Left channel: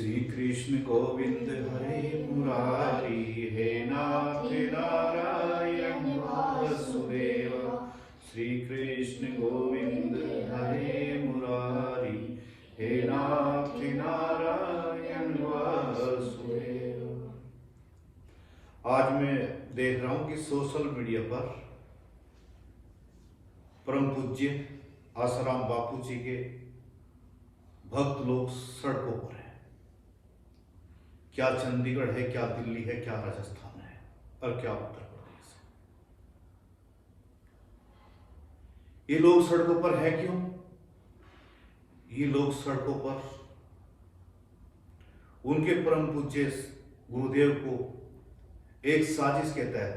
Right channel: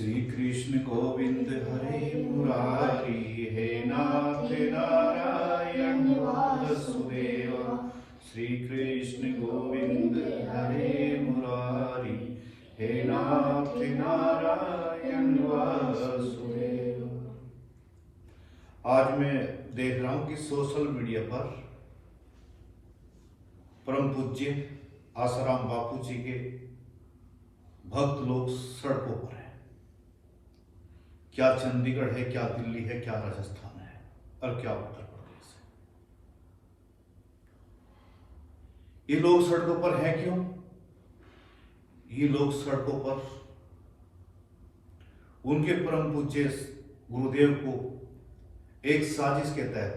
श्री कृष्ण गोविंद हरे मुरारी, हे नाथ नारायण वासुदेव। श्री कृष्ण गोविंद हरे मुरारी, हे नाथ नारायण वासुदेव। आज मैं देख रहा हूं कि सोशल मीडिया पर परम पूज्य आसाराम बापू जी के भक्त लोग सड़कों पर हैं। क्या चंडीगढ़ है, क्या दिल्ली है, क्या राजस्थान है और क्या उत्तर प्रदेश है। ये लोग सड़कों पर हैं क्यों? ये लोग सड़कों पर उनके परम पूज्य गुरुदेव को एक साजिश के तहत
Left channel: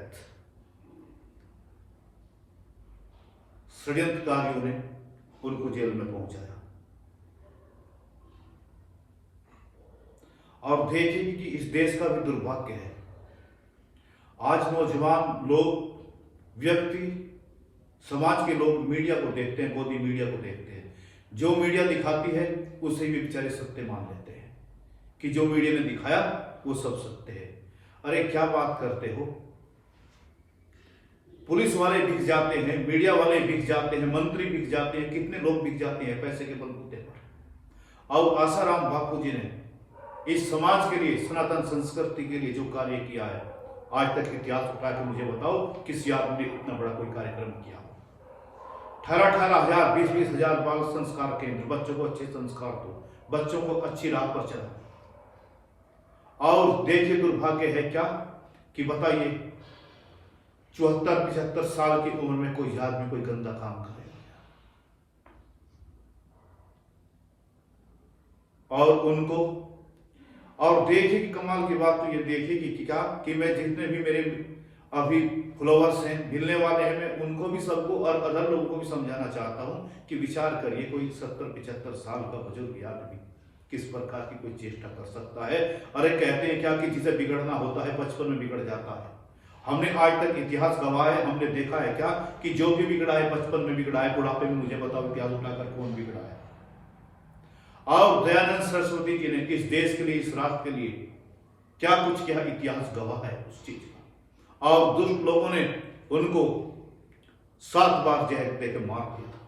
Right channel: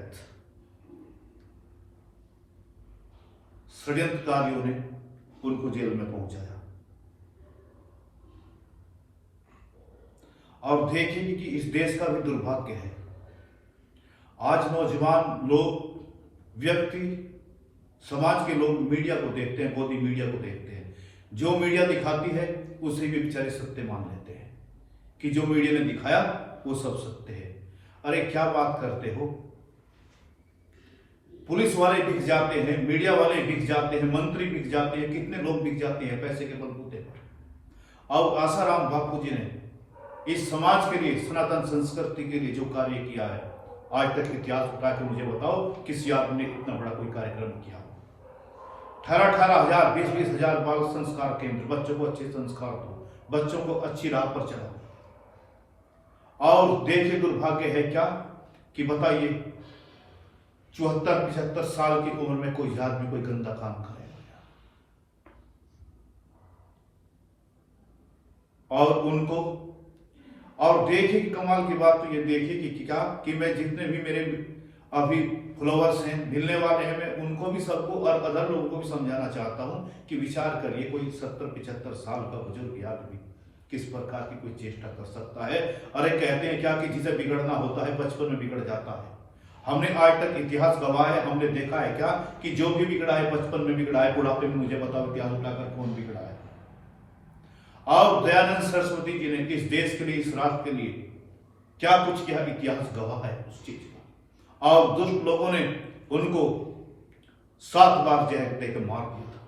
षड्यंत्रकारियों ने उनको जेल में पहुंचाया। और देखेंगे कि इस देश का भी दुर्भाग्य है। आज नौजवान लोग, व्यक्ति, समाज के लोग मीडिया को देखते हैं, गोदी मीडिया को देखते हैं। जो मीडिया दिखाती है उसे भी बेचारे सत्य मान लेते हैं कि जो मीडिया ने दिखाया वो सब सत्य है। अरे क्या बात करते हो। पुलिस वाले बिक जाते हैं, मीडिया वाले बिक जाते हैं, मंत्री बिक जाते हैं, कितने लोग बिक जाते हैं पैसे के बलबूते पर। और आसाराम बापू जी ने इस समाज के लिए, सनातन संस्कृति के लिए जो कार्य किया है, आज तक इतिहास उठा के मुझे बताओ किसी आदमी ने इतना बड़ा कोई कार्यक्रम किया। 18,000 20,000 बाल संस्कार केंद्र, बच्चों को अच्छे संस्कार दो, बच्चों को अच्छी राह पर चलाओ। और देखिए दुर्भाग्य है क्या कि बताइए 74-75 साल की उम्र में कोई आदमी कोई गंदा काम करेगा। और उनको, और देखिए कि कमाल की बात तो ये देखिए कि क्या कि मैं जितने भी मेरे अभी फॉलोअर्स हैं, मिलने वाले हैं, मैं उनको भी, सबको और अदर लोगों को भी समझाना चाहता हूं कि विचार करिए कोई 70-75 साल का बुजुर्ग आदमी किस प्रकार की कोई चेष्टा कर सकता है। अरे कहते हैं क्या कि जिसे बिगड़ना होता है बचपन में बिगड़ जाता है। हमने आज तक इतिहास गवाह है, हमने देखा है क्या कि जो भी बिगड़ा है बचपन में बिगड़ा है। बुढ़ापे में मुझे बताओ इतिहास उठाकर कौन बिगड़ा है। और दयानंद सरस्वती जी ने इस देश के लिए, इस राष्ट्र के लिए क्या कुछ किया, इतिहास गवाह है उस चीज का। और दुष्ट लोगों ने उनको 7 बार जहर देकर मार दिया था।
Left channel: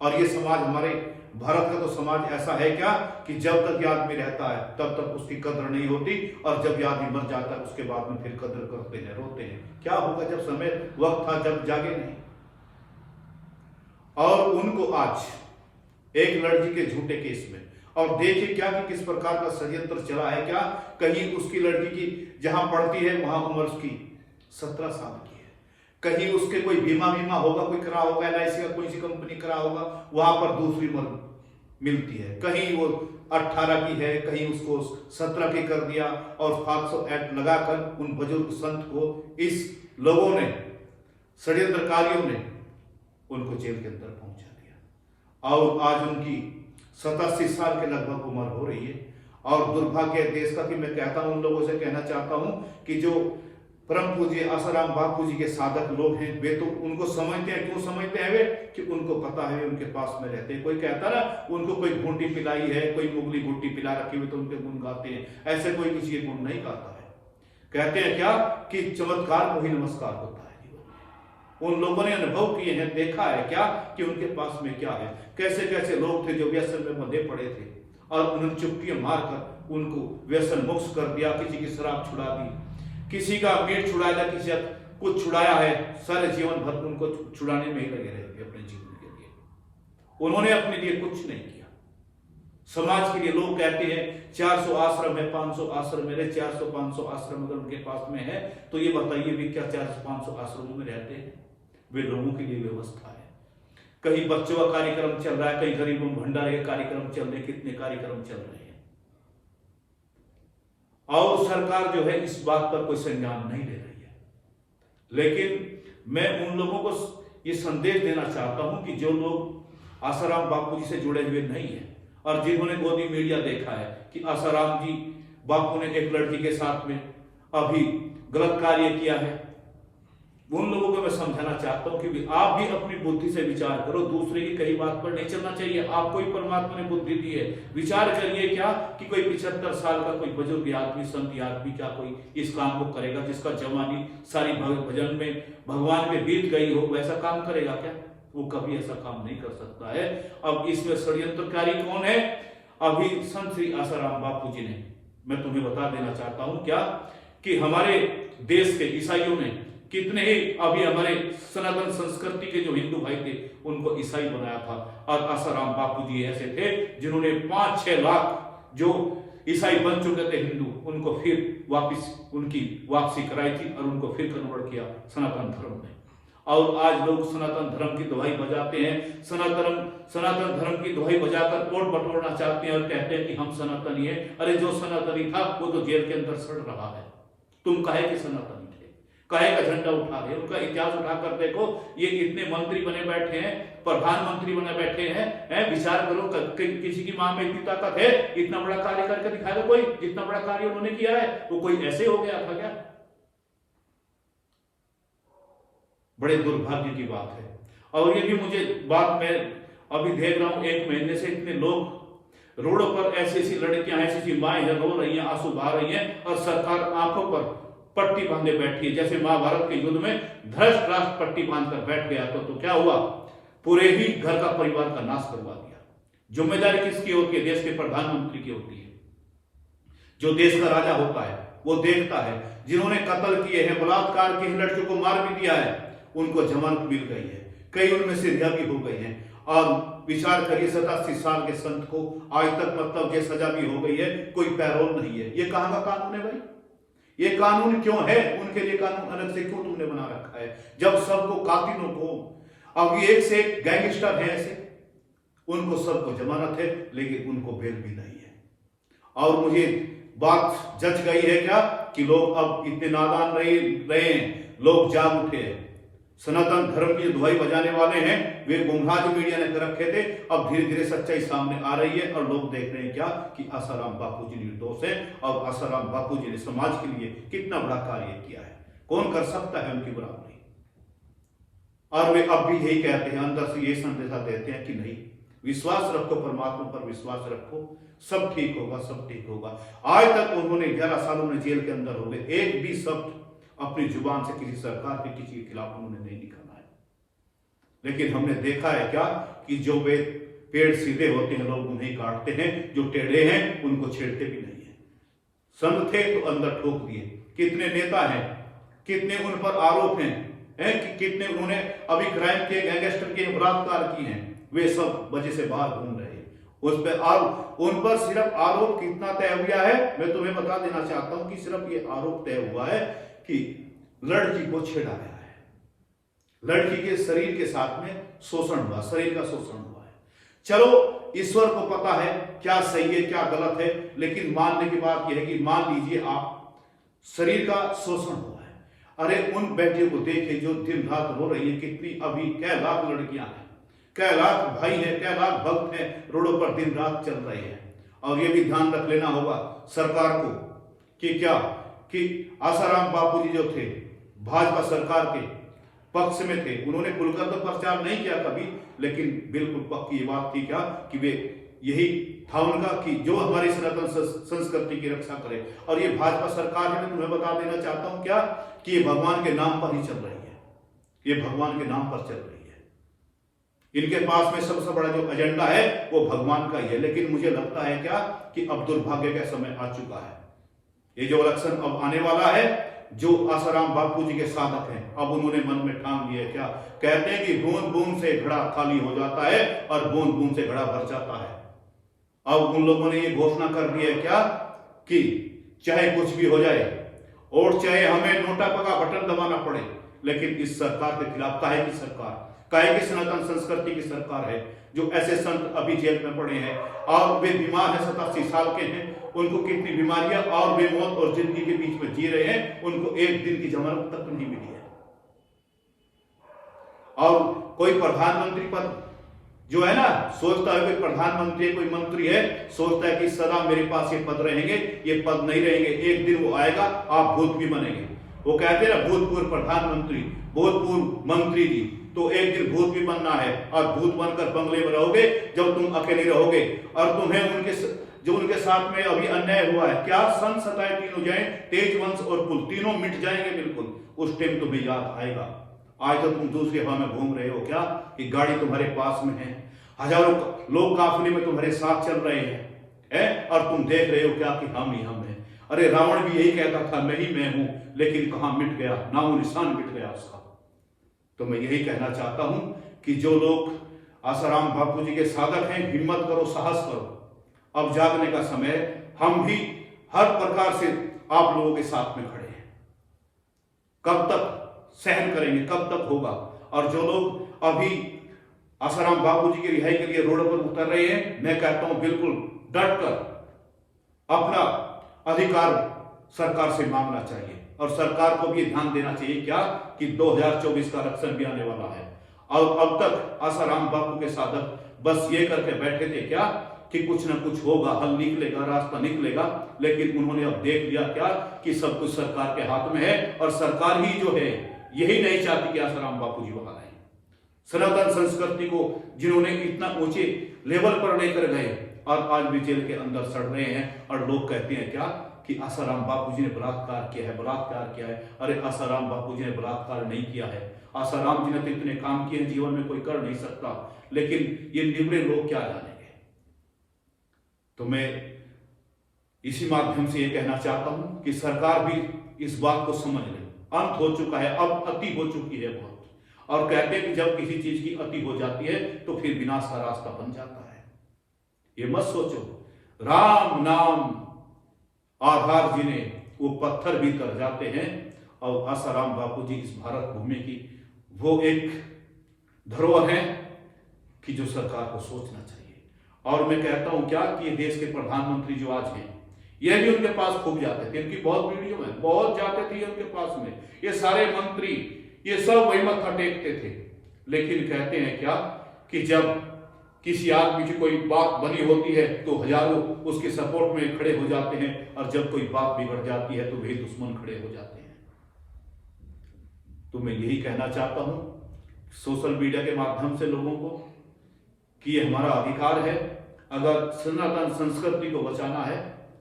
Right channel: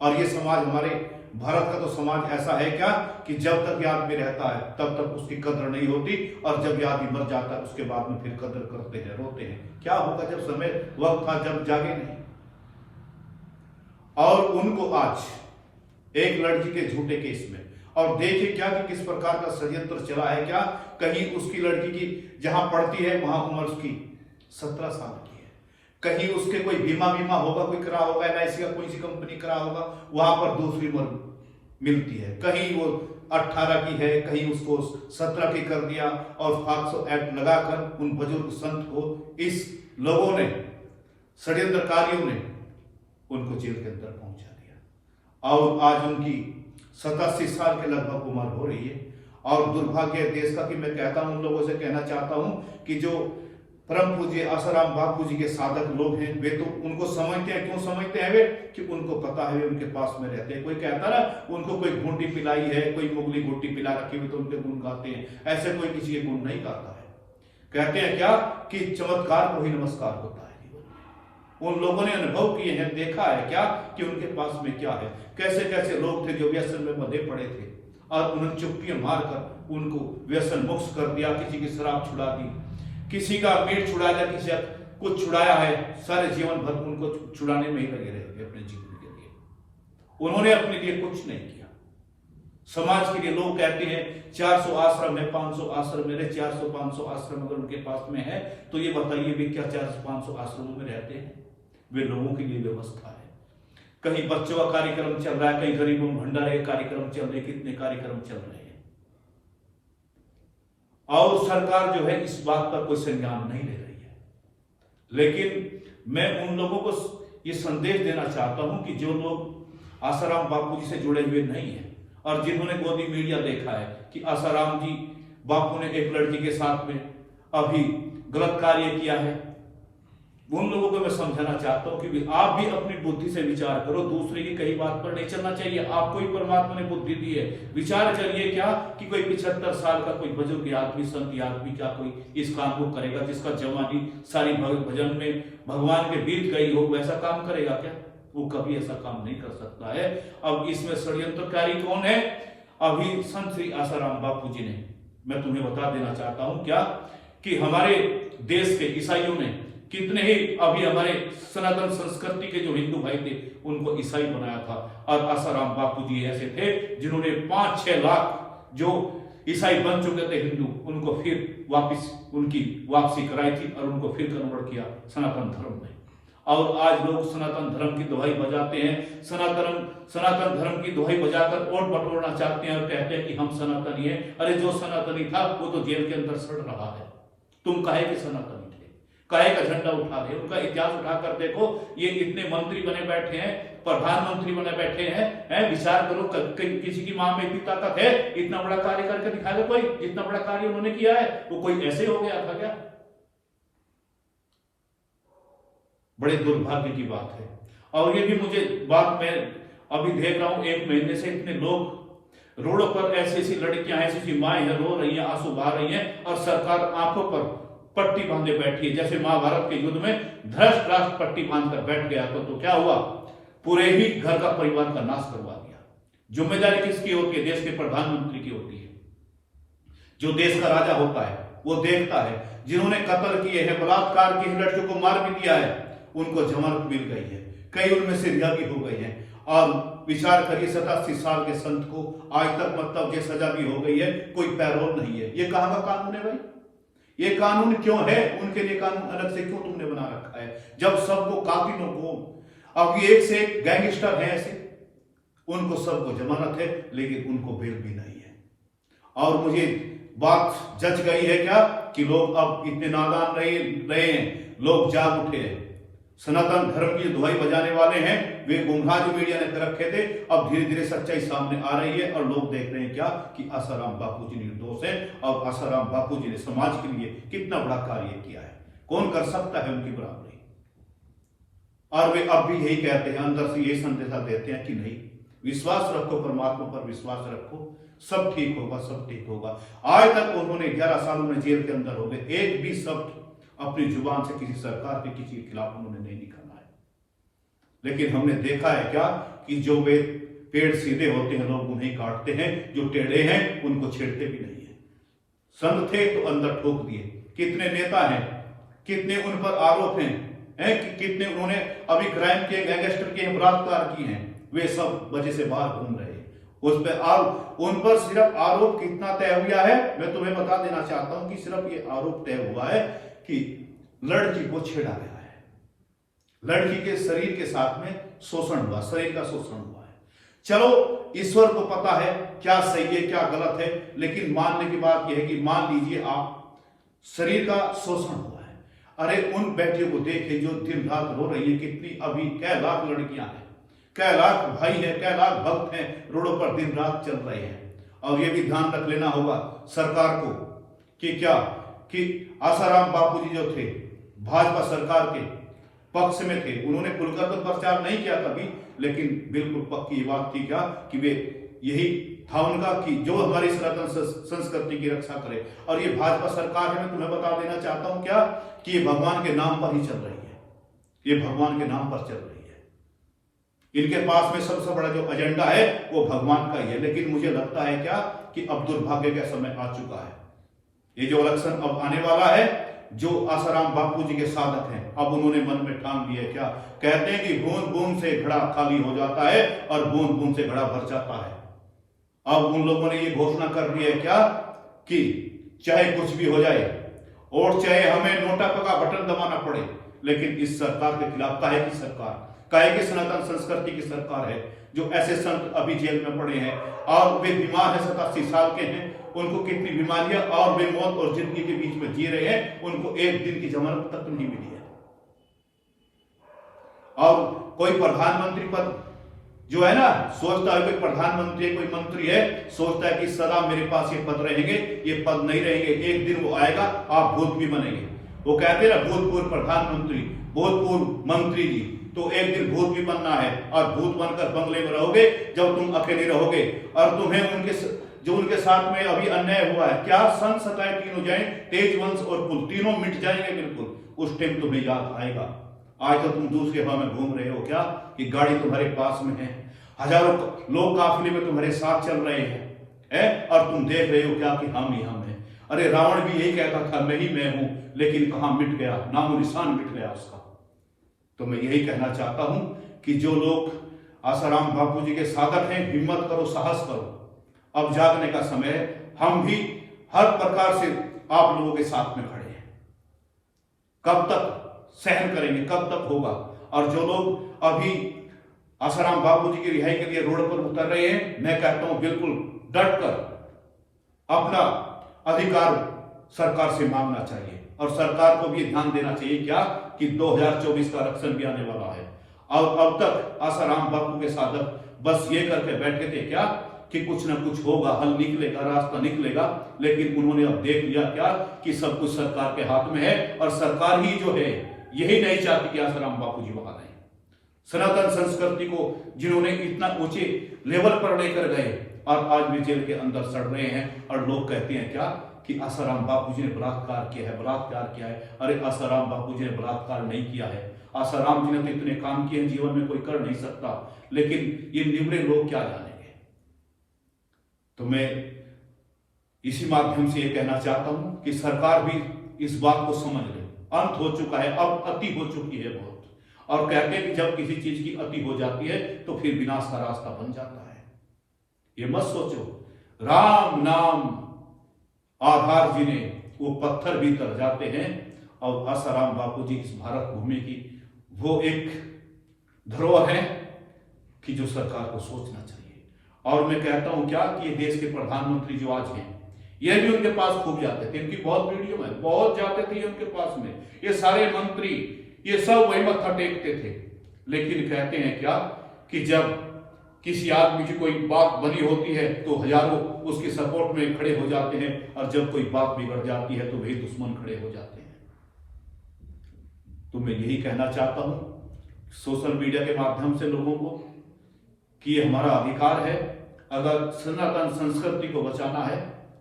और ये समाज, हमारे भारत का तो समाज ऐसा है क्या कि जब तक ये आदमी रहता है तब तक उसकी कदर नहीं होती, और जब ये आदमी मर जाता है उसके बाद में फिर कदर करते हैं, रोते हैं। क्या होगा जब समय वक्त था जब जागे नहीं। और उनको आज एक लड़की के झूठे केस में, और देखिए क्या कि किस प्रकार का षड्यंत्र चला है। क्या कहीं उसकी लड़की की जहां पढ़ती है वहां उम्र उसकी 17 साल की है, कहीं उसके कोई बीमा होगा, कोई करा होगा, LIC का कोई सी कंपनी करा होगा, वहां पर दूसरी उम्र मिलती है। कहीं वो 18 की है, कहीं उसको 17 की कर दिया। और 500 एक्ट लगाकर उन बुजुर्ग संत को इस लोगों ने, षड्यंत्रकारियों ने उनको जेल के अंदर पहुंचा दिया। और आज उनकी 87 साल के लगभग उम्र हो रही है। और दुर्भाग्य देश का कि मैं कहता हूं, उन लोगों से कहना चाहता हूं कि जो परम पूज्य आसाराम बापू जी के साधक लोग हैं, वे तो उनको समझते हैं। क्यों समझते हैं वे? कि उनको पता है वे उनके पास में रहते हैं। कोई कहता ना उनको कोई घूंटी पिलाई है, कोई मुगली घुट्टी पिला रखी हुई तो उनके गुण गाते हैं। ऐसे कोई किसी के गुण नहीं गाता है। कहते हैं क्या कि चमत्कार को ही नमस्कार होता है। उन लोगों ने अनुभव किए हैं, देखा है क्या कि उनके पास में क्या है। कैसे कैसे लोग थे जो व्यसन में बंधे पड़े थे और उन्होंने चुप्पियां मारकर उनको व्यसन मुक्त कर दिया। किसी की शराब छुड़ा दी, किसी का मीट छुड़ाया, किसी का कुछ छुड़ाया है। सारे जीवन भर उनको छुड़ाने में ही लगे रहे अपने जीवन के लिए। उन्होंने अपने लिए कुछ नहीं किया। समाज के लिए लोग कहते हैं 400 आश्रम है, 500 आश्रम मेरे, 400-500 आश्रम अगर उनके पास में है तो ये बताइए वे क्या 400-500 आश्रमों में रहते हैं? वे लोगों के लिए व्यवस्था है। कहीं बच्चों का कार्यक्रम चल रहा है, कहीं गरीबों भंडारे कार्यक्रम चल रहे, कितने कार्यक्रम चल रहे हैं। और सरकार जो है इस बात पर कोई संज्ञान नहीं ले रही है। लेकिन मैं उन लोगों को ये संदेश देना चाहता हूं कि जो लोग आसाराम बापू जी से जुड़े हुए नहीं है और जिन्होंने गोदी मीडिया देखा है कि आसाराम जी बापू ने एक लड़की के साथ में अभी गलत कार्य किया है, उन लोगों को मैं समझाना चाहता हूं कि आप भी अपनी बुद्धि से विचार करो, दूसरे की कही बात पर नहीं चलना चाहिए। आपको ही परमात्मा ने बुद्धि दी है, विचार करिए क्या कि कोई 75 साल का कोई बुजुर्ग आदमी, संत आदमी क्या कोई इस काम को करेगा जिसका जवानी सारी भजन में भगवान के बीत गई हो, वैसा काम करेगा क्या? वो कभी ऐसा काम नहीं कर सकता है। अब इसमें षड्यंत्रकारी कौन है? अभी संत श्री आसाराम बापू जी ने, मैं तुम्हें बता देना चाहता हूं क्या कि हमारे देश के ईसाइयों ने कितने ही, अभी हमारे सनातन संस्कृति के जो हिंदू भाई थे उनको ईसाई बनाया था। और आसाराम बापू जी ऐसे थे जिन्होंने 5-6 लाख जो ईसाई बन चुके थे हिंदू, उनको फिर वापस उनकी वापसी कराई थी और उनको फिर कन्वर्ट किया सनातन धर्म में। और आज लोग सनातन धर्म की दुहाई बजाते हैं, सनातन धर्म की दुहाई बजाकर वोट बटोरना चाहते हैं और कहते हैं कि हम सनातनी हैं। अरे जो सनातनी था वो तो जेल के अंदर सड़ रहा है, तुम काहे के सनातनी थे, काहे का झंडा उठा रहे? उनका इतिहास उठाकर देखो, ये इतने मंत्री बने बैठे हैं, प्रधानमंत्री बने बैठे हैं, विचार करो किसी की मां में इतनी ताकत है, इतना बड़ा कार्य करके दिखाएगा कोई? जितना बड़ा कार्य उन्होंने किया है वो कोई ऐसे हो गया था क्या? बड़े दुर्भाग्य की बात है। और ये भी मुझे बात मैं अभी देख रहा हूं, 1 महीने से इतने लोग रोडों पर, ऐसी ऐसी लड़कियां, ऐसी ऐसी माएं हैं, रो रही हैं, आंसू बहा रही हैं और सरकार आंखों पर पट्टी बांधे बैठी है। जैसे महाभारत के युद्ध में धृतराष्ट्र पट्टी बांधकर बैठ गया तो क्या हुआ? पूरे ही घर का परिवार का नाश करवा दिया। जिम्मेदारी किसकी होती है? देश के प्रधानमंत्री की होती है। जो देश का राजा होता है वो देखता है। जिन्होंने कत्ल किए हैं, बलात्कार की लड़कियों को मार भी दिया है, उनको जमानत मिल गई है, कई उनमें से रिहा भी हो गई है। और विचार करिए 87 साल के संत को आज तक मतलब ये सजा भी हो गई है, कोई पैरोल नहीं है। ये कहां का कानून है भाई? ये कानून क्यों है? उनके लिए कानून अलग से क्यों तुमने बना रखा है? जब सबको, कातिलों को, अब ये एक से एक गैंगस्टर है ऐसे, उनको सबको जमानत है लेकिन उनको बेल भी नहीं है। और मुझे बात जच गई है क्या कि लोग अब इतने नादान रहे हैं, लोग जाग उठे हैं। सनातन धर्म की जो दुहाई बजाने वाले हैं वे गुमराह जो मीडिया ने कर रखे थे, अब धीरे धीरे सच्चाई सामने आ रही है और लोग देख रहे हैं क्या कि आसाराम बापू जी निर्दोष है। और आसाराम बापू जी ने समाज के लिए कितना बड़ा कार्य किया है, कौन कर सकता है उनकी बराबरी? और वे अब भी यही कहते हैं, अंदर से यही संदेशा देते हैं कि नहीं, विश्वास रखो, परमात्मा पर विश्वास रखो, सब ठीक होगा, सब ठीक होगा। आज तक उन्होंने 11 साल उन्हें जेल के अंदर हो गए, एक भी शब्द अपनी जुबान से किसी सरकार के किसी के खिलाफ उन्होंने नहीं निकाला है। लेकिन हमने देखा है क्या कि जो वे पेड़ सीधे होते हैं लोग उन्हें काटते हैं, जो टेढ़े हैं उनको छेड़ते भी नहीं है। संत थे तो अंदर ठोक दिए। कितने नेता हैं, कितने उन पर आरोप हैं कि कितने उन्होंने अभी क्राइम किए, गैंगस्टर किए, बलात्कार किए हैं, वे सब वजह से बाहर घूम रहे हैं। उस पर उन पर सिर्फ आरोप कितना तय हुआ है, मैं तुम्हें बता देना चाहता हूं कि सिर्फ ये आरोप तय हुआ है कि लड़की को छेड़ा गया है, लड़की के शरीर के साथ में शोषण हुआ, शरीर का शोषण हुआ है। चलो ईश्वर को पता है क्या सही है क्या गलत है, लेकिन मानने की बात यह है कि मान लीजिए आप शरीर का शोषण हुआ है। अरे उन बेटियों को देखिए जो दिन रात रो रही है, कितनी अभी कै लाख लड़कियां हैं, कै लाख भाई है, कै लाख भक्त हैं, रोडों पर दिन रात चल रहे हैं। और ये भी ध्यान रख लेना होगा सरकार को कि क्या कि आसाराम बापू जी जो थे भाजपा सरकार के पक्ष में थे, उन्होंने खुलकर तो प्रचार नहीं किया कभी, लेकिन बिल्कुल पक्की बात थी क्या कि वे यही था उनका कि जो हमारी सनातन संस्कृति की रक्षा करे। और ये भाजपा सरकार है, मैं तुम्हें बता देना चाहता हूं क्या कि ये भगवान के नाम पर ही चल रही है, ये भगवान के नाम पर चल रही है। इनके पास में सबसे बड़ा जो एजेंडा है वो भगवान का ही है। लेकिन मुझे लगता है क्या कि अब दुर्भाग्य का समय आ चुका है। ये जो इलेक्शन अब आने वाला है, जो आसाराम बापू जी के साधक हैं, अब उन्होंने मन में ठान लिया क्या, कहते हैं कि बूंद बूंद से घड़ा खाली हो जाता है और बूंद बूंद से घड़ा भर जाता है। अब उन लोगों ने ये घोषणा कर दी है क्या कि चाहे कुछ भी हो जाए और चाहे हमें नोटा का बटन दबाना पड़े, लेकिन इस सरकार के खिलाफ काहे की सरकार, काहे की सनातन संस्कृति की सरकार है। जो ऐसे संत अभी जेल में पड़े हैं और वे बीमार हैं, 87 साल के हैं, उनको कितनी बीमारियां, और वे मौत और जिंदगी के बीच में जी रहे हैं, उनको एक दिन की जमानत तक नहीं मिली है। और कोई प्रधानमंत्री पद जो है ना, सोचता है कोई प्रधानमंत्री है, कोई मंत्री है, सोचता है कि सदा मेरे पास ये पद रहेंगे, ये पद नहीं रहेंगे, एक दिन वो आएगा, आप भूत भी बनेंगे। वो कहते हैं ना, भूतपूर्व प्रधानमंत्री, भूतपूर्व मंत्री जी, तो एक दिन भूत भी बनना है और भूत बनकर बंगले में रहोगे जब तुम अकेले रहोगे, और तुम्हें जो उनके साथ में अभी अन्याय हुआ है, क्या सन सताए तीनों जाए, तेज वंश और कुल तीनों मिट जाएंगे बिल्कुल, उस टाइम तुम्हें याद आएगा। आज तो तुम दूसरे हवा में घूम रहे हो क्या, कि गाड़ी तुम्हारे पास में है, हजारों लोग काफिले में तुम्हारे साथ चल रहे हैं, और तुम देख रहे हो क्या कि हम ही हम हैं। अरे रावण भी यही कहता था, मैं ही मैं हूं, लेकिन कहां मिट गया, नामो निशान मिट गया उसका। तो मैं यही कहना चाहता हूं कि जो लोग आसाराम बापू जी के साधक हैं, हिम्मत करो, साहस करो, अब जागने का समय है। हम भी हर प्रकार से आप लोगों के साथ में खड़े हैं। कब तक सहन करेंगे, कब तक होगा। और जो लोग अभी आसाराम बापू जी की रिहाई के लिए रोड पर उतर रहे हैं, मैं कहता हूं बिल्कुल डट कर अपना अधिकार सरकार से मांगना चाहिए, और सरकार को भी ध्यान देना चाहिए क्या कि 2024 का इलेक्शन भी आने वाला है। अब तक आसाराम बापू के साधक बस ये करके बैठे थे क्या कि कुछ ना कुछ होगा, हल निकलेगा, रास्ता निकलेगा, लेकिन उन्होंने अब देख लिया क्या कि सब कुछ सरकार के हाथ में है, और सरकार ही जो है यही नहीं चाहती कि आसाराम बापू जी वहां रहें। सनातन संस्कृति को जिन्होंने इतना ऊंचे लेवल पर लेकर गए और आज भी जेल के अंदर सड़ रहे हैं, और लोग कहते हैं क्या कि आसाराम बापू जी ने बलात्कार किया है, बलात्कार किया है। अरे आसाराम बापू जी ने बलात्कार नहीं किया है, आसाराम जी ने तो इतने काम किए जीवन में कोई कर नहीं सकता, लेकिन ये निबड़े लोग क्या जानेंगे। तो मैं इसी माध्यम से ये कहना चाहता हूं कि सरकार भी इस बात को समझ ले, अंत हो चुका है, अब अति हो चुकी है बहुत। और कहते हैं कि जब किसी चीज की अति हो जाती है तो फिर विनाश का रास्ता बन जाता है। ये मत सोचो, राम नाम आधार जिन्हें वो पत्थर भी तर जाते हैं, और आसाराम बापू जी इस भारत भूमि की वो एक धरोहर है कि जो सरकार को सोचना चाहिए। और मैं कहता हूं क्या कि ये देश के प्रधानमंत्री जो आज हैं, ये भी उनके पास खूब जाते थे, इनकी बहुत वीडियो में बहुत जाते थे उनके पास में, ये सारे मंत्री ये सब वही मत्था टेकते थे। लेकिन कहते हैं क्या कि जब किसी आदमी की कोई बात बनी होती है तो हजारों उसके सपोर्ट में खड़े हो जाते हैं, और जब कोई बात बिगड़ जाती है तो वही दुश्मन खड़े हो जाते हैं। तो मैं यही कहना चाहता हूं सोशल मीडिया के माध्यम से लोगों को कि ये हमारा अधिकार है, अगर सनातन संस्कृति को बचाना है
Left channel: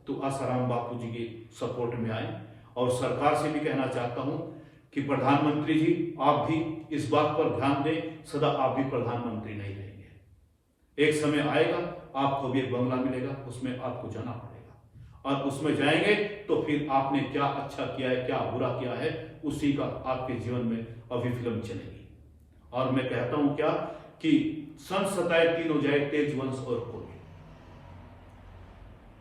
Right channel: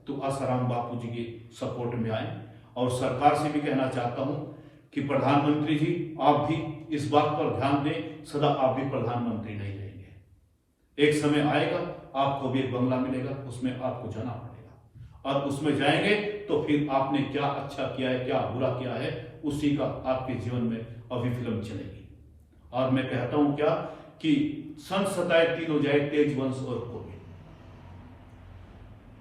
तो आसाराम बापू जी के सपोर्ट में आए। और सरकार से भी कहना चाहता हूं कि प्रधानमंत्री जी आप भी इस बात पर ध्यान दें, सदा आप भी प्रधानमंत्री नहीं रहेंगे। एक समय आएगा आपको भी एक बंगला मिलेगा, उसमें आपको जाना पड़ेगा, और उसमें जाएंगे तो फिर आपने क्या अच्छा किया है, क्या बुरा किया है, उसी का आपके जीवन में अभी फिल्म चलेगी। और मैं कहता हूं क्या कि सन सताए तीनों जाए, तेज वंश और कुल।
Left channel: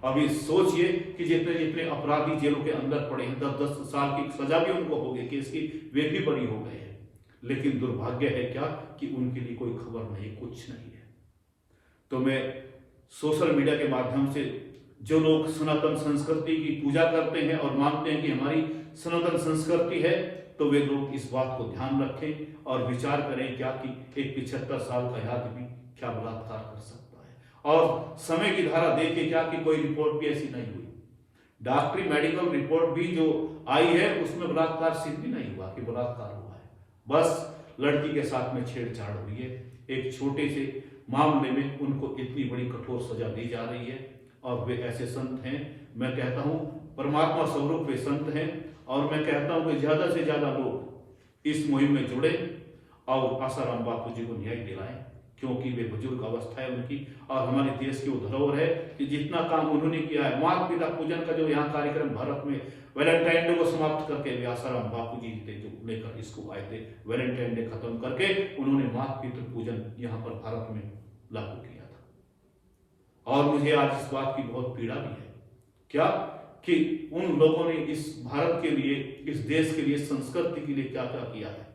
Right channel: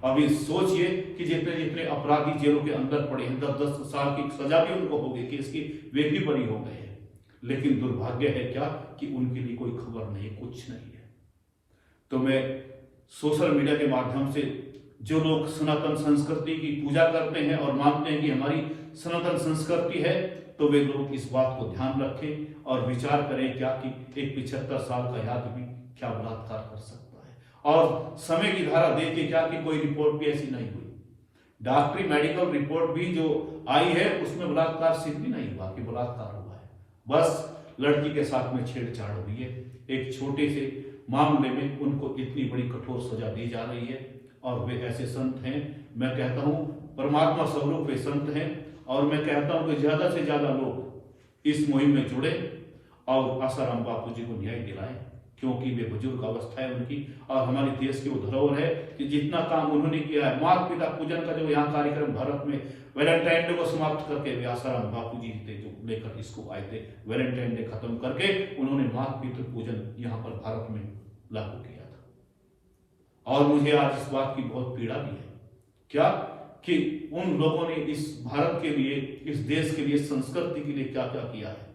अभी सोचिए कि जितने जितने अपराधी जेलों के अंदर पड़े हैं, 10-10 साल की सजा भी उनको हो गई, केस की वे भी बड़ी हो गए हैं, लेकिन दुर्भाग्य है क्या कि उनके लिए कोई खबर नहीं, कुछ नहीं है। तो मैं सोशल मीडिया के माध्यम से जो लोग सनातन संस्कृति की पूजा करते हैं और मानते हैं कि हमारी सनातन संस्कृति है, तो वे लोग इस बात को ध्यान रखें और विचार करें क्या कि एक 75 साल का आदमी क्या बलात्कार कर सकता है। और समय की धारा देखिए क्या कि कोई रिपोर्ट भी ऐसी नहीं हुई, डॉक्टरी मेडिकल रिपोर्ट भी जो आई है उसमें बलात्कार सिद्ध भी नहीं हुआ कि बलात्कार हुआ है, बस लड़की के साथ में छेड़छाड़ हुई है। एक छोटे से मामले में उनको इतनी बड़ी कठोर सजा दी जा रही है। और वे ऐसे संत हैं, मैं कहता हूं परमात्मा स्वरूप वे संत हैं, और मैं कहता हूं कि ज्यादा से ज्यादा लोग इस मुहिम में जुड़े और आसाराम बापू जी को न्याय दिलाएं, क्योंकि वे बुजुर्ग अवस्था है उनकी, और हमारे देश की वो धरोहर है कि जितना काम उन्होंने किया है, माता पिता पूजन का जो यहाँ कार्यक्रम भारत में वैलेंटाइन डे को समाप्त करके वे आसाराम बापू जी थे जो लेकर इसको आए थे, वैलेंटाइन डे खत्म करके उन्होंने माता पिता पूजन यहाँ पर भारत में लागू किया था। और मुझे आज इस बात की बहुत पीड़ा भी है क्या कि उन लोगों ने इस भारत के लिए, इस देश के लिए, संस्कृति के लिए क्या क्या किया है।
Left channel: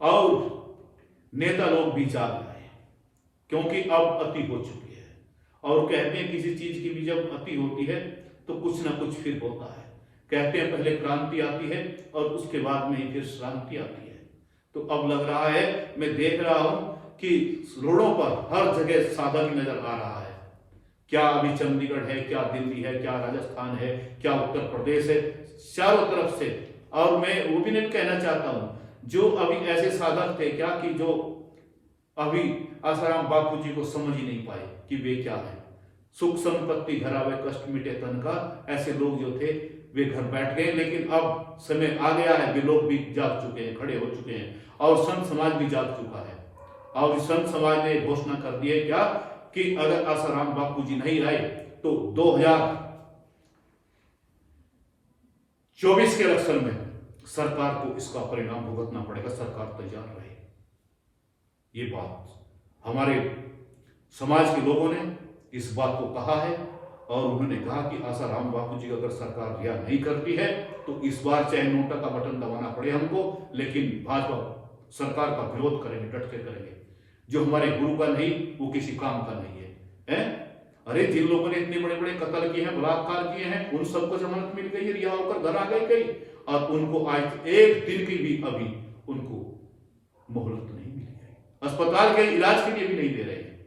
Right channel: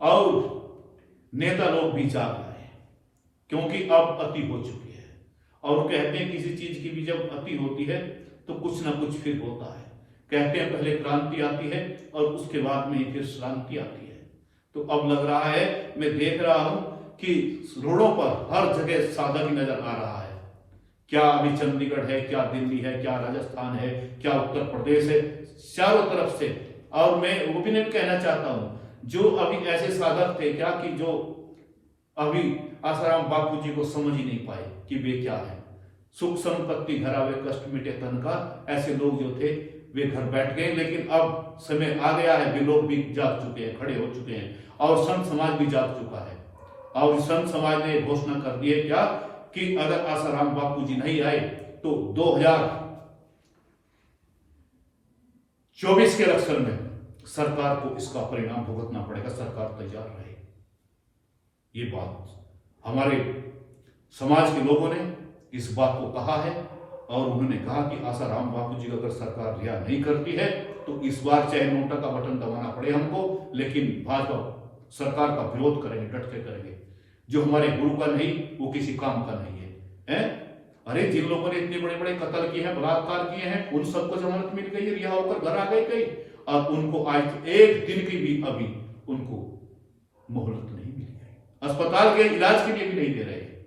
और नेता लोग भी जाग रहे हैं, क्योंकि अब अति हो चुकी है। और कहते हैं किसी चीज की भी जब अति होती है तो कुछ ना कुछ फिर होता है। कहते हैं पहले क्रांति आती है और उसके बाद में ही फिर शांति आती है। तो अब लग रहा है, मैं देख रहा हूं कि रोडों पर हर जगह साधक ही नजर आ रहा है। क्या अभी चंडीगढ़ है, क्या दिल्ली है, क्या राजस्थान है, क्या उत्तर प्रदेश है, चारों तरफ से और मैं वो भी नहीं कहना चाहता हूं, जो अभी ऐसे साधक थे क्या कि जो अभी आसाराम बापू जी को समझ ही नहीं पाए कि वे क्या है। सुख संपत्ति घरावे कष्ट मिटे तन का, ऐसे लोग जो थे वे घर बैठ गए। लेकिन अब समय आ गया है, वे लोग भी जाग चुके हैं, खड़े हो चुके हैं, और संत समाज भी जाग चुका है। और संत समाज ने घोषणा कर दी है क्या कि अगर आसाराम बापू जी नहीं आए तो 2024 के इलेक्शन में सरकार को इसका परिणाम भुगतना पड़ेगा। सरकार तैयार रहे। ये बात हमारे समाज के लोगों ने इस बात को कहा है, और उन्होंने कहा कि आसाराम बापू जी को अगर सरकार रिहा नहीं करती है तो इस बार चाहे नोटा का बटन दबाना पड़े हमको, लेकिन भाजपा सरकार का विरोध करेंगे, डट के करेंगे। जो हमारे गुरु का नहीं वो किसी काम का नहीं है। अरे जिन लोगों ने इतने बड़े बड़े कत्ल किए हैं, बलात्कार किए हैं, उन सबको जमानत मिल गई है, रिहा होकर घर आ गए कई, और उनको आज एक दिन की भी अभी उनको मोहलत नहीं मिली है, अस्पताल के इलाज के लिए भी नहीं दे रहे हैं।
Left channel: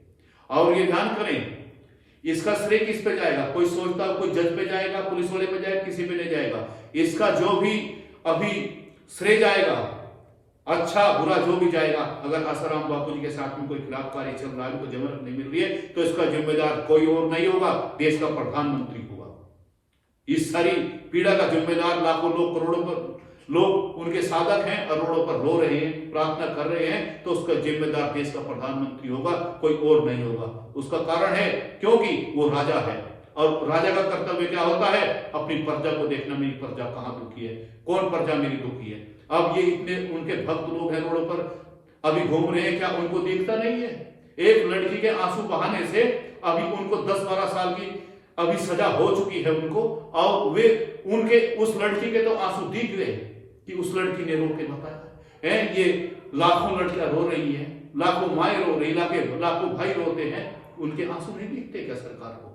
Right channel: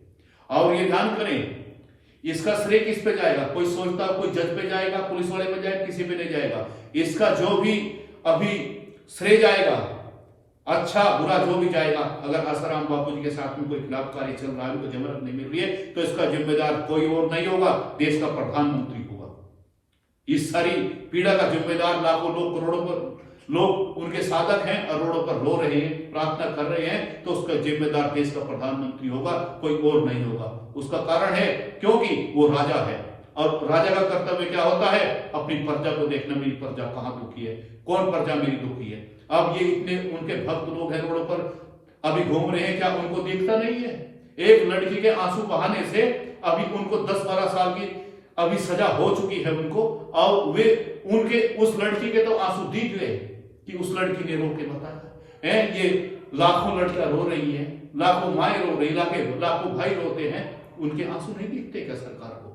और ये ध्यान करें, इसका श्रेय किस पे जाएगा? कोई सोचता कोई जज पे जाएगा, पुलिस वाले पे जाएगा, किसी पे नहीं जाएगा। इसका जो भी अभी श्रेय जाएगा, अच्छा बुरा जो भी जाएगा, अगर आसाराम बापू जी के साथ में कोई खिलाफ कार्य चल रहा है, उनको जमानत नहीं मिल रही है, तो इसका जिम्मेदार कोई और नहीं होगा, देश का प्रधानमंत्री होगा। इस सारी पीड़ा का जिम्मेदार लाखों लोग, करोड़ों पर लोग उनके साधक हैं, अरोड़ों पर रो रहे हैं, प्रार्थना कर रहे हैं, तो उसका जिम्मेदार देश का प्रधानमंत्री होगा, कोई और नहीं होगा। उसका कारण है क्योंकि वो राजा है, और राजा का कर्तव्य क्या होता है? अपनी प्रजा को देखना, मेरी प्रजा कहां दुखी है, कौन प्रजा मेरी दुखी है। अब ये इतने उनके भक्त लोग हैं, रोडों पर अभी घूम रहे हैं, क्या उनको दिखता नहीं है? एक लड़की के आंसू बहाने से अभी उनको 10-12 साल की अभी सजा हो चुकी है उनको, और वे उनके उस लड़की के तो आंसू दिख गए कि उस लड़की ने रो के बताया है। ये लाखों लड़कियां रो रही है, लाखों माएँ रो रही, लाखों भाई रोते हैं, उनके आंसू नहीं दिखते क्या सरकार को?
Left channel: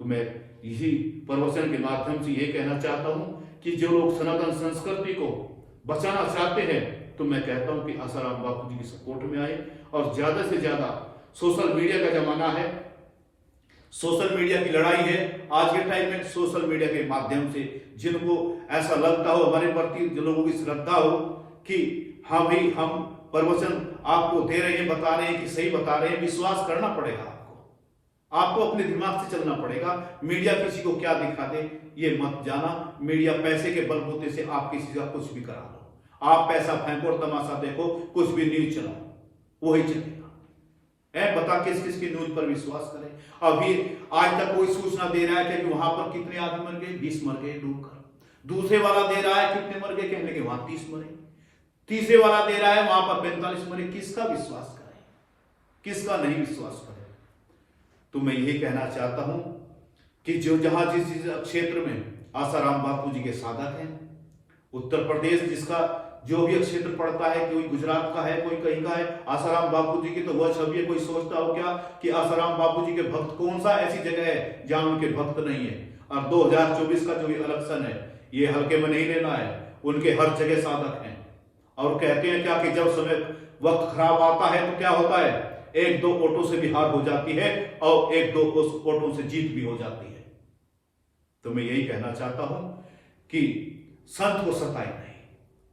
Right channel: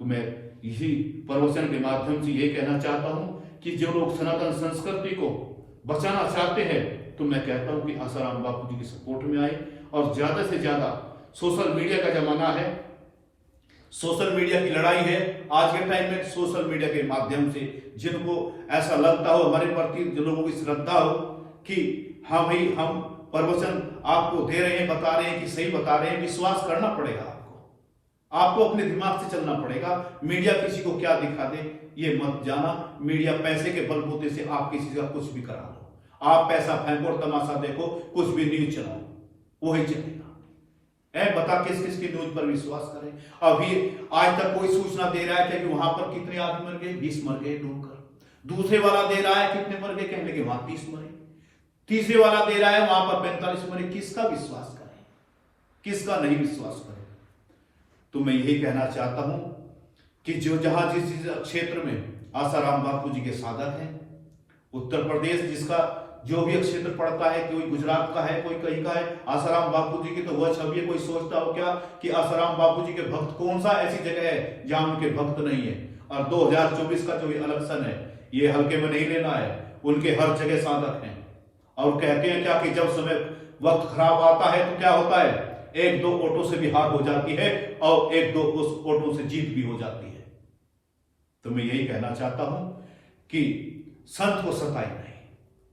तो मैं इसी प्रवचन के माध्यम से ये कहना चाहता हूं कि जो लोग सनातन संस्कृति को बचाना चाहते हैं, तो मैं कहता हूं कि आसाराम बापू जी की सपोर्ट में आए, और ज्यादा से ज्यादा सोशल मीडिया का जमाना है, सोशल मीडिया की लड़ाई है। आज के टाइम में सोशल मीडिया के माध्यम से जिनको ऐसा लगता हो, हमारे प्रति जो लोगों की श्रद्धा हो कि हाँ भाई हम प्रवचन आपको दे रहे हैं, बता रहे हैं कि सही बता रहे हैं, विश्वास करना पड़ेगा आपको अपने दिमाग से चलना पड़ेगा। मीडिया किसी को क्या दिखा दे ये मत जाना। मीडिया पैसे के बलबूते से आप किसी का कुछ भी करा लो, आप पैसा फेंको और तमाशा देखो, कुछ भी न्यूज चलाओ वही चलेगा। बता किस किस की न्यूज पर विश्वास करें? अभी आज तक कोई सूचना दे रहा है कि वहां पर कितने आदमी मर गए, 20 मर गए डूबकर। दूसरे वाला दे रहा है कितने मर गए, कहने के वहां 30 मरे। तीसरे वाला दे रहा है वहां पर 45 मरे। किसका विश्वास करें, किसका नहीं विश्वास करें? तो मैं यही कहना चाहता हूं कि जो जहां जिस क्षेत्र में आसाराम बापू जी के साधक हैं, उत्तर प्रदेश जिसका जो भी क्षेत्र पड़ता है, कोई गुजरात का है, कोई कहीं का है, आसाराम बापू जी की तो वह छवि है। कोई सोचता हो क्या कि आसाराम बापू जी के भक्त कौन सा ऐसी जगह है जहां उनके भक्त नहीं है? और 2024 का जो इलेक्शन है ये हल्के में नहीं लेना है, उनके हर जगह साधक हैं। और कहते हैं क्या कि जब समय वक्त खराब आता है तो क्या होता है, 1-2 वोटों से भी हार हो जाती है और 1-2 वोटों से जीत भी हो जाती है। तो मैं यही कहना चाहता हूं कि संत को सताए नहीं,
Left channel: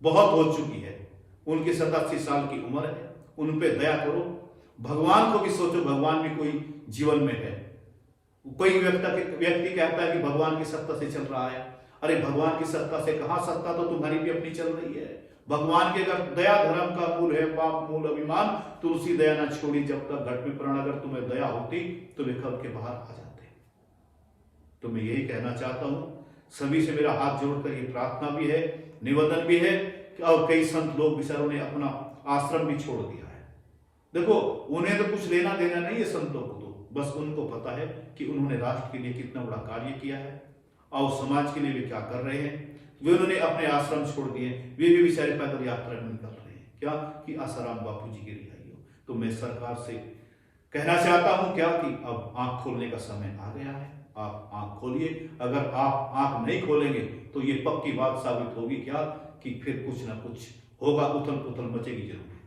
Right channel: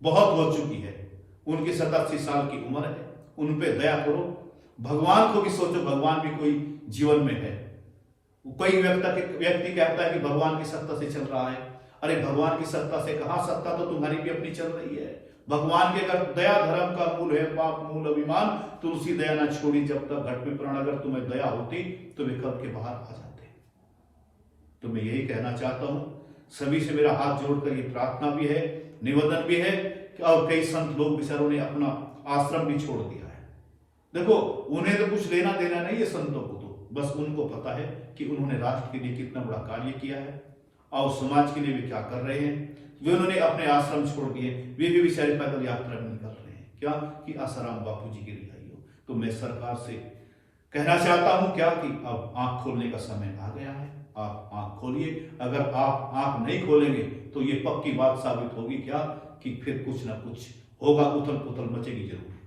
बहुत हो चुकी है। उनकी 87 साल की उम्र है, उन पे दया करो। भगवान को भी सोचो, भगवान भी कोई जीवन में है। कोई व्यक्ति कहता है कि भगवान की सत्ता से चल रहा है। अरे भगवान की सत्ता से कहां, सत्ता तो तुम्हारी भी अपनी चल रही है। भगवान के अगर दया धर्म का मूल है, पाप मूल अभिमान, तुलसी दया ना छोड़ी जब तक घट में प्राण। अगर तुम्हें दया होती तो वे कब के बाहर आ जाते। तो मैं यही कहना चाहता हूं, सभी से मेरा हाथ जोड़कर ये प्रार्थना भी है, निवेदन भी है कि और कई संत लोग बेचारों ने अपना आश्रम भी छोड़ दिया है। देखो उन्हें तो कुछ लेना देना नहीं है संतों को, तो बस उनको पता है कि उन्होंने राष्ट्र के लिए कितना बड़ा कार्य किया है और समाज के लिए भी क्या कर रहे हैं। वे उन्होंने अपने आश्रम छोड़ दिए, वे भी बेचारे पैदल यात्रा में निकल रहे हैं, क्या कि आसाराम बापू जी की रिहाई हो। तो मैं सरकार से कहना चाहता हूं क्या कि अब आंख खोलने का समय आ गया है। आप आंख खोलिए। अगर आप आंख नहीं खोलेंगे तो ये पक्की बात साबित होगी क्या कि फिर कुछ ना कुछ होगा, उथल पुथल मचेगी जरूर।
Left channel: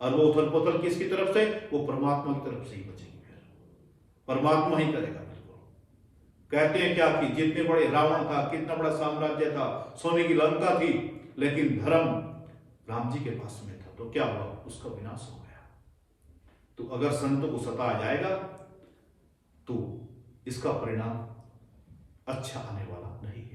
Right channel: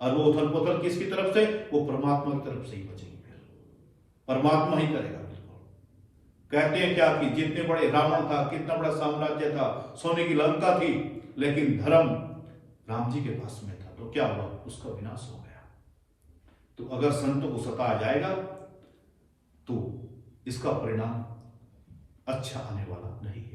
और वो उथल पुथल किसकी तरफ से? वो परमात्मा की तरफ से ही बचेगी। फिर परमात्मा ही करेगा। बिल्कुल कहते हैं क्या कि जितने बड़े रावण था, कितना बड़ा साम्राज्य था, सोने की लंका थी, लेकिन धर्म राम जी के पास में था, तो क्या हुआ? उसका विनाश हो गया। तो अगर संतों को सताया जाएगा तो इसका परिणाम अच्छा आने वाला नहीं है।